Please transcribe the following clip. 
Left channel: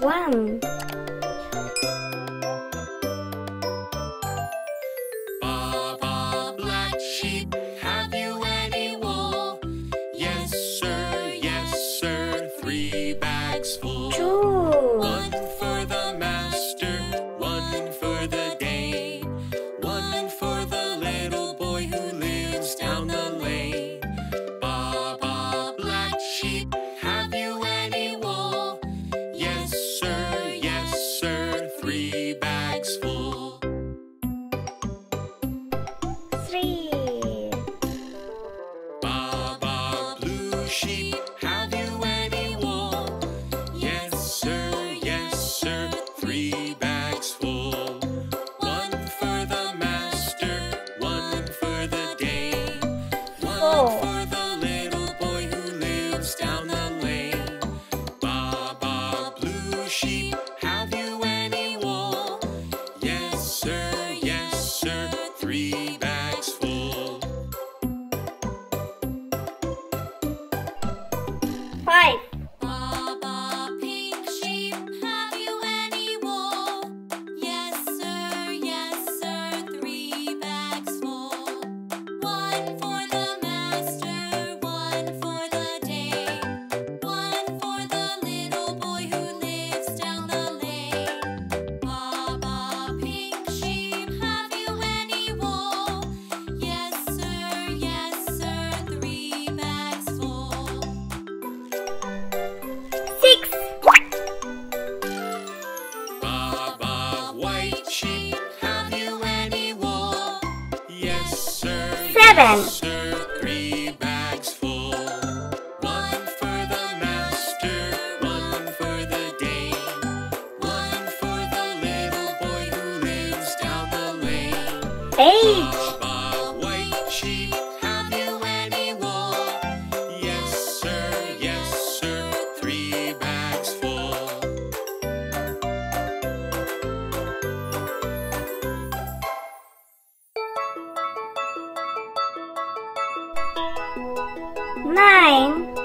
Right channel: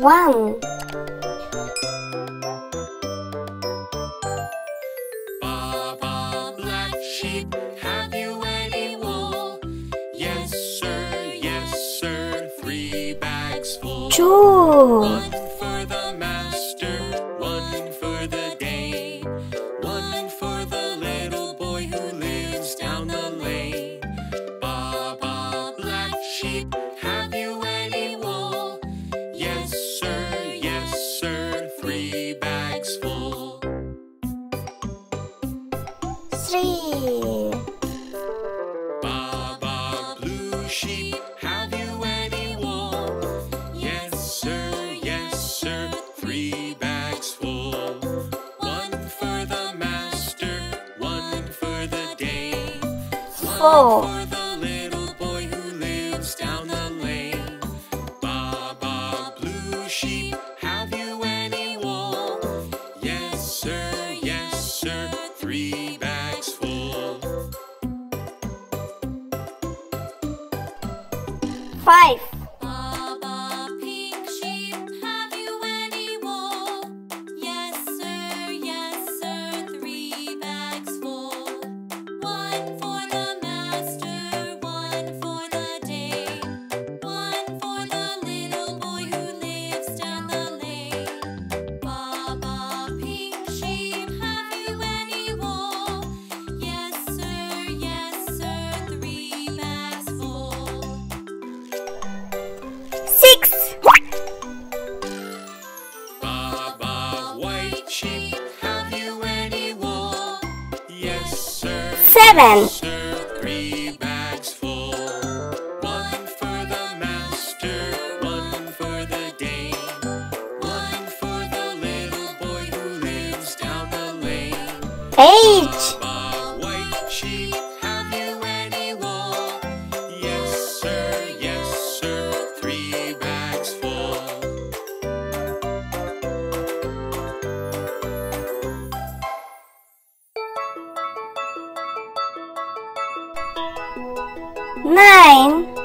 One. Baba, black sheep, have you any wool? Yes, sir, 3 bags full. 2. 1 for the master, 1 for the dame, 1 for the little boy who lives down the lane. Baba, black sheep, have you any wool? Yes, sir, 3 bags full. 3. Baba, blue sheep, have you any wool? Yes, sir, 3 bags full. 1 for the master, 1 for the dame, 1 4. for the little boy who lives down the lane. Baba, blue sheep, have you any wool? Yes, sir, 3 bags full. 5. Baba, pink sheep, have you any wool? Yes, sir, 3 bags full. 1 for the master, 1 for the dame, 1 for the little boy who lives down the lane. Baba, pink sheep, have you any wool? Yes, sir, 3 bags full. 6. Baba, white sheep, have you any wool? Yes, sir. 7. Sir, 3 bags full. 1 for the master, 1 for the dame, 1 for the little boy who lives down the lane. 8. Baba, white sheep, have you any wool? Yes, sir, 3 bags full. 9.